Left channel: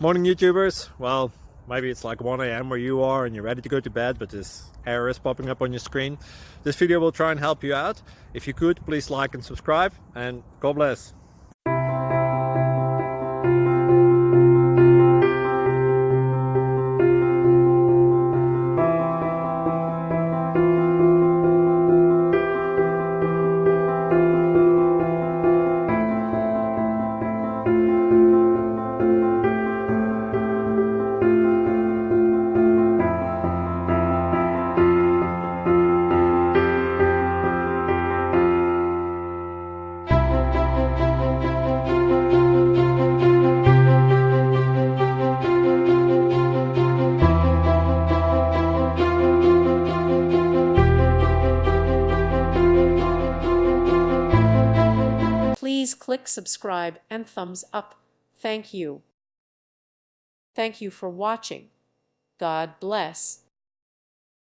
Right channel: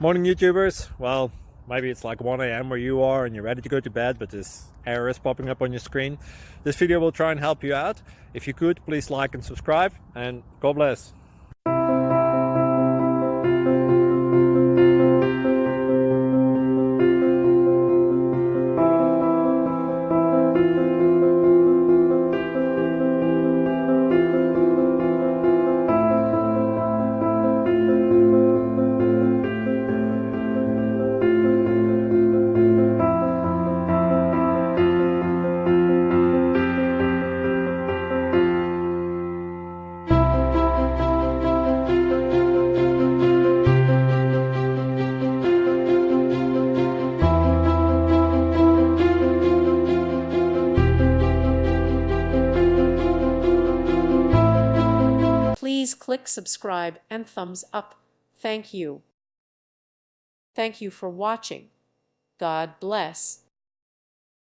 Morning YouTubers. Well, maybe it's like 1 a.m. where you are and you're ready to go to bed, but this error is popping up on your screen. This video will try and help you out. If you could, please like and subscribe, and God bless. Please click subscribe and thumbs up. Thank you. Thank you for watching. God bless.